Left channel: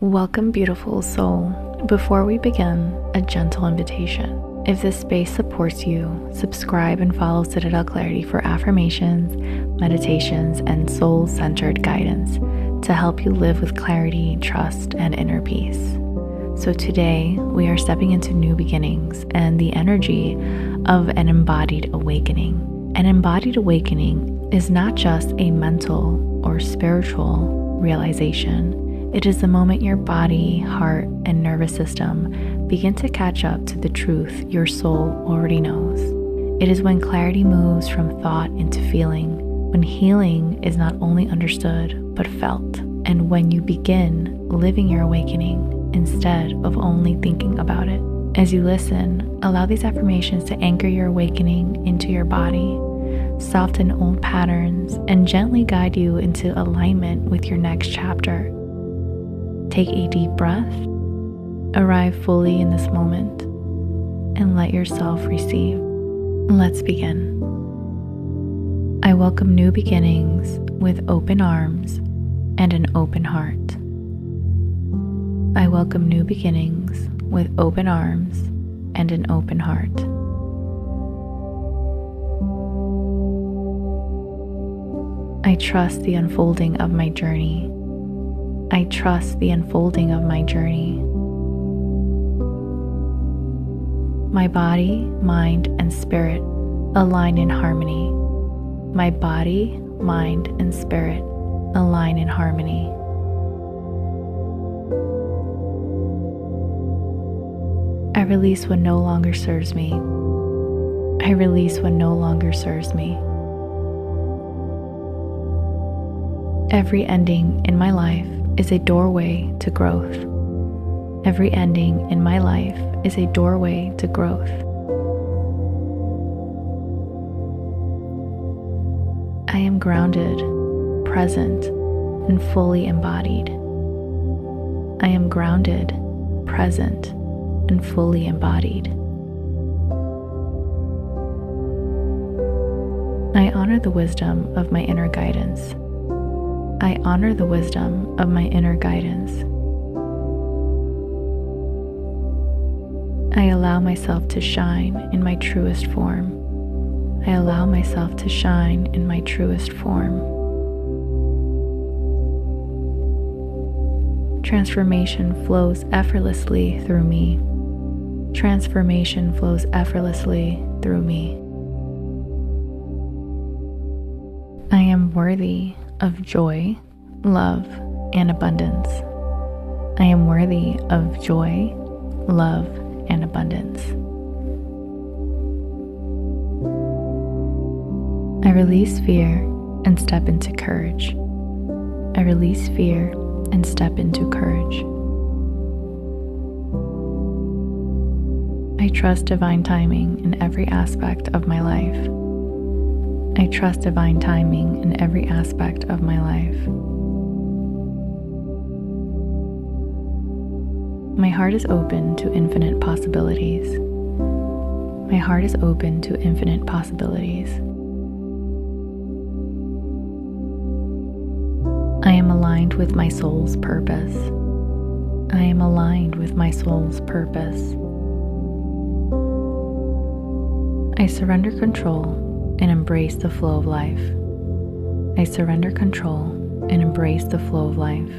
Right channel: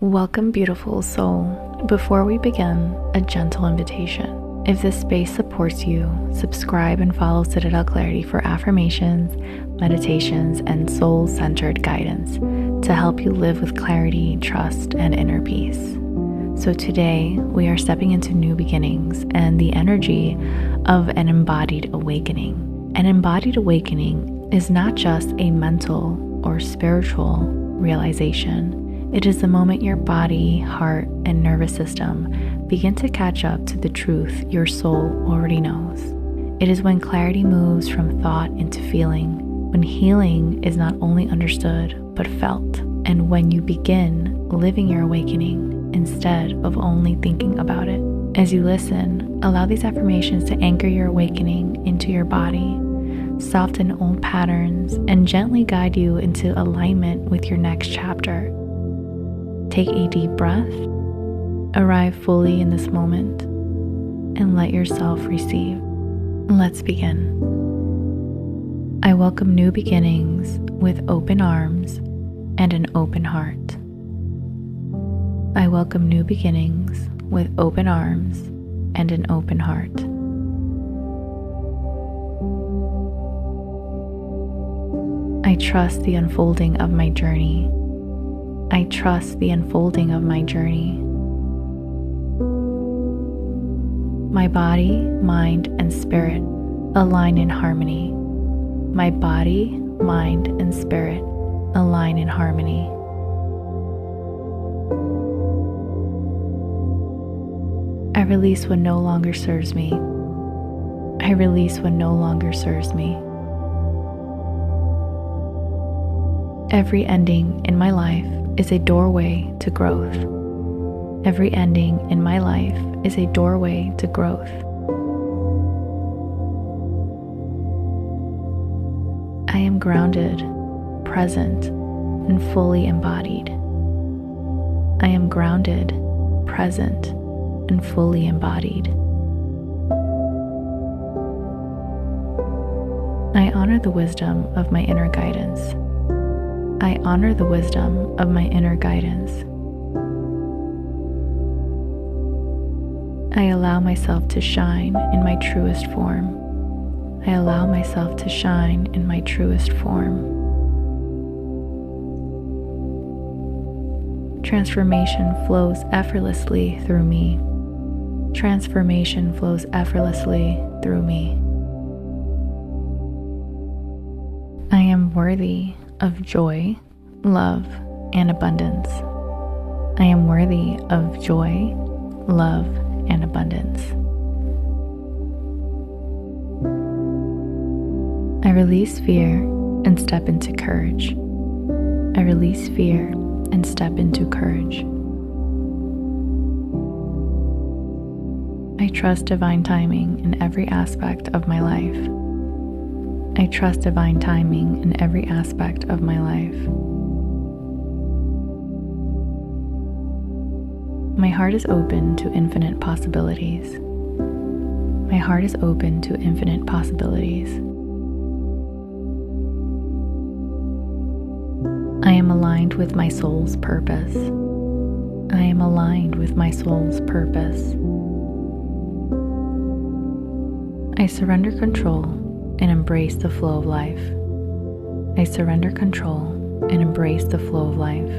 Welcome, beautiful soul. Before we begin, a gentle invitation. If this space supports you, subscribe and follow Citadel Clarity for affirmations, meditations, and soul-centered guidance to help you live with clarity, trust, and inner peace. So today, we are stepping into new beginnings and the energy of an embodied awakening. An embodied awakening is not just a mental or spiritual realization. It is the moment your body, heart, and nervous system begin to catch up to the truth your soul already knows. It is when clarity moves from thought into feeling, when healing is not only understood but felt, and when you begin living your awakening instead of only thinking about it. As you listen, allow these affirmations to anchor your awakening into your body, soften old patterns, and gently guide you into alignment with your next chapter. Take a deep breath, arrive fully in this moment, and let yourself receive. Let's begin. I welcome new beginnings with open arms and an open heart. I welcome new beginnings with open arms and an open heart. I trust the unfolding of my journey. I trust the unfolding of my journey. My body, mind, and spirit align in harmony. My body, mind, and spirit align in harmony. I release what no longer serves me. I release what no longer serves me. Every ending in my life is a doorway to growth. Every ending in my life is a doorway to growth. I am grounded, present, and fully embodied. I am grounded, present, and fully embodied. I honor the wisdom of my inner guidance. I honor the wisdom of my inner guidance. I allow myself to shine in my truest form. I allow myself to shine in my truest form. Transformation flows effortlessly through me. Transformation flows effortlessly through me. I am worthy of joy, love, and abundance. I am worthy of joy, love, and abundance. I release fear and step into courage. I release fear and step into courage. I trust divine timing in every aspect of my life. I trust divine timing in every aspect of my life. My heart is open to infinite possibilities. My heart is open to infinite possibilities. I am aligned with my soul's purpose. I am aligned with my soul's purpose. I surrender control and embrace the flow of life. I surrender control and embrace the flow of life.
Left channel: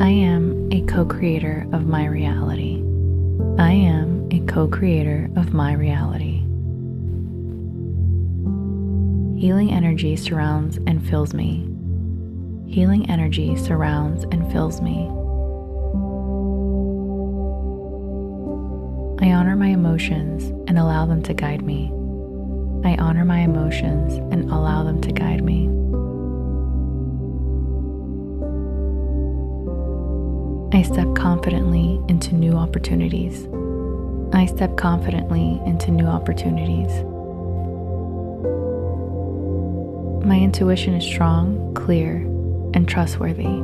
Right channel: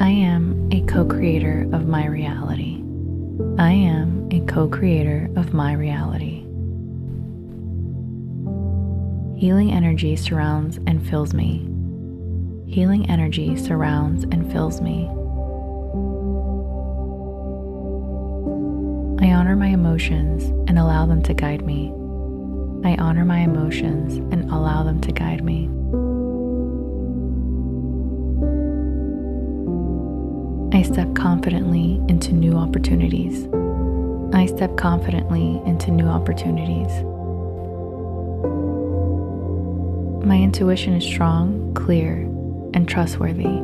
I am a co-creator of my reality. I am a co-creator of my reality. Healing energy surrounds and fills me. Healing energy surrounds and fills me. I honor my emotions and allow them to guide me. I honor my emotions and allow them to guide me. I step confidently into new opportunities. I step confidently into new opportunities. My intuition is strong, clear, and trustworthy.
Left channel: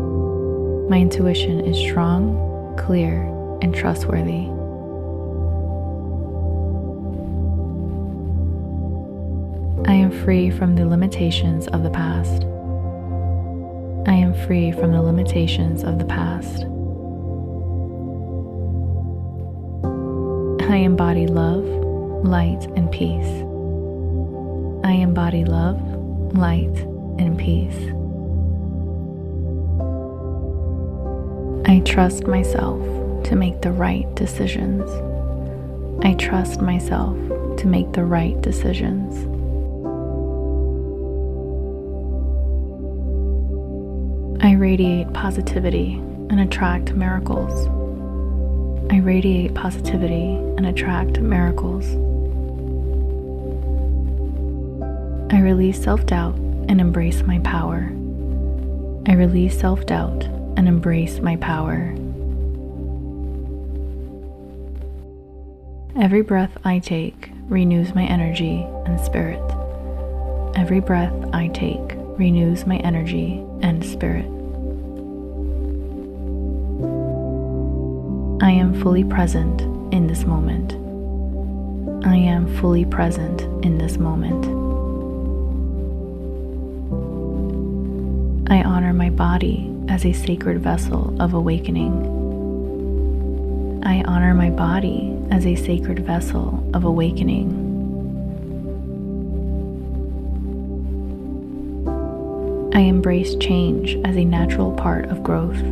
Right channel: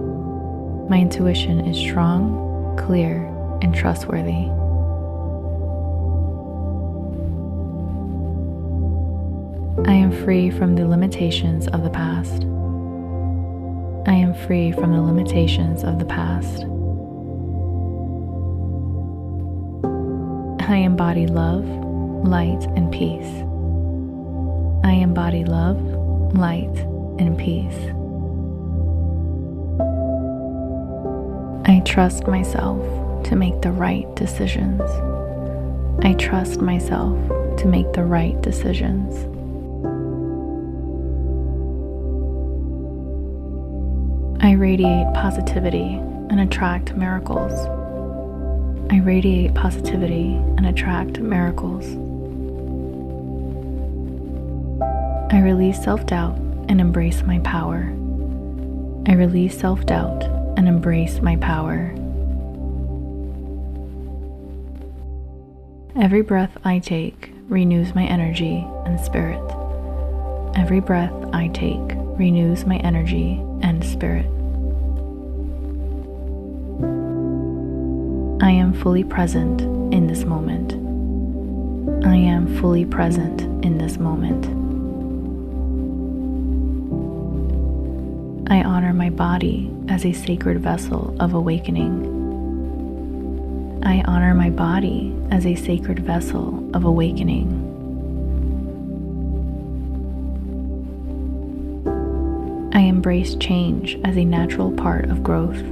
My intuition is strong, clear, and trustworthy. I am free from the limitations of the past. I am free from the limitations of the past. I embody love, light, and peace. I embody love, light, and peace. I trust myself to make the right decisions. I trust myself to make the right decisions. I radiate positivity and attract miracles. I radiate positivity and attract miracles. I release self-doubt and embrace my power. I release self-doubt and embrace my power. Every breath I take renews my energy and spirit. Every breath I take renews my energy and spirit. I am fully present in this moment. I am fully present in this moment. I honor my body as a sacred vessel of awakening. I honor my body as a sacred vessel of awakening. I embrace change as a natural part of growth.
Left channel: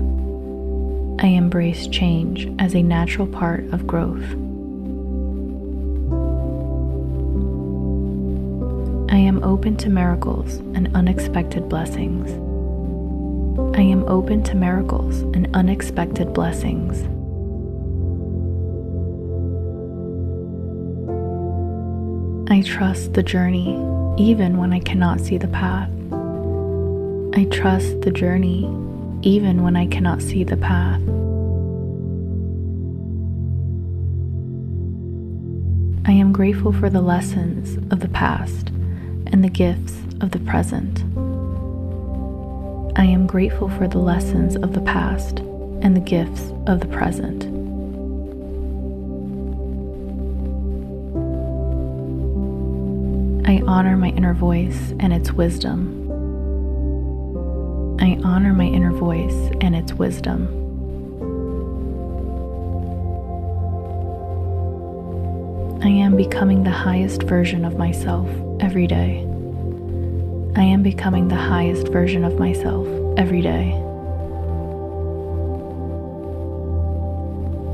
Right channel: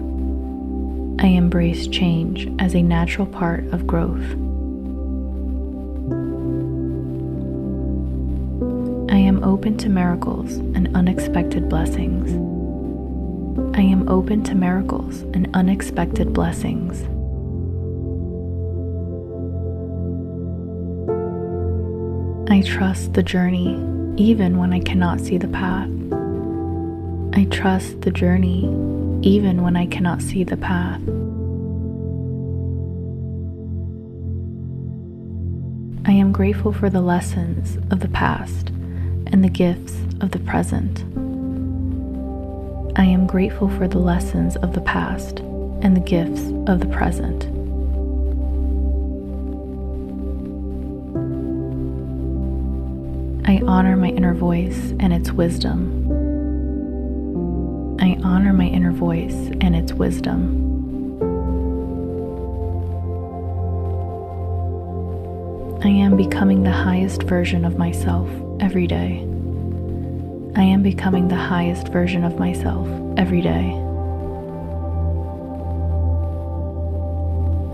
I embrace change as a natural part of growth. I am open to miracles and unexpected blessings. I am open to miracles and unexpected blessings. I trust the journey even when I cannot see the path. I trust the journey even when I cannot see the path. I am grateful for the lessons of the past and the gifts of the present. I am grateful for the lessons of the past and the gifts of the present. I honor my inner voice and its wisdom. I honor my inner voice and its wisdom. I am becoming the highest version of myself every day. I am becoming the highest version of myself every day.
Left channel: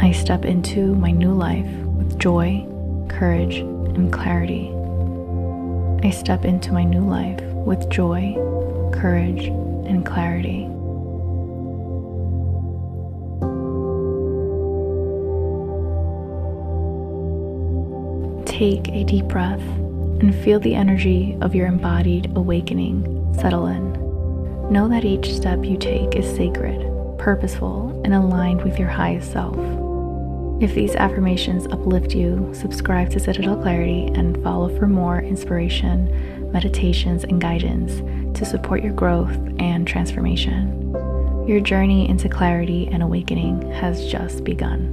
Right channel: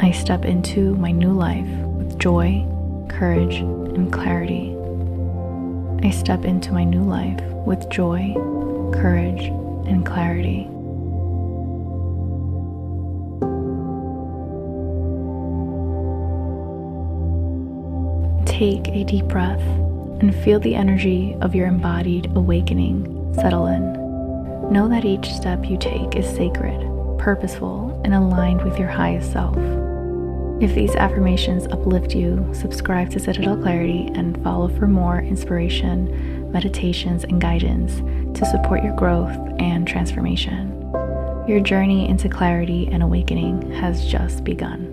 I step into my new life with joy, courage, and clarity. I step into my new life with joy, courage, and clarity. Take a deep breath and feel the energy of your embodied awakening settle in. Know that each step you take is sacred, purposeful, and aligned with your highest self. If these affirmations uplift you, subscribe to Citadel Clarity and follow for more inspiration, meditations, and guidance to support your growth and transformation. Your journey into clarity and awakening has just begun.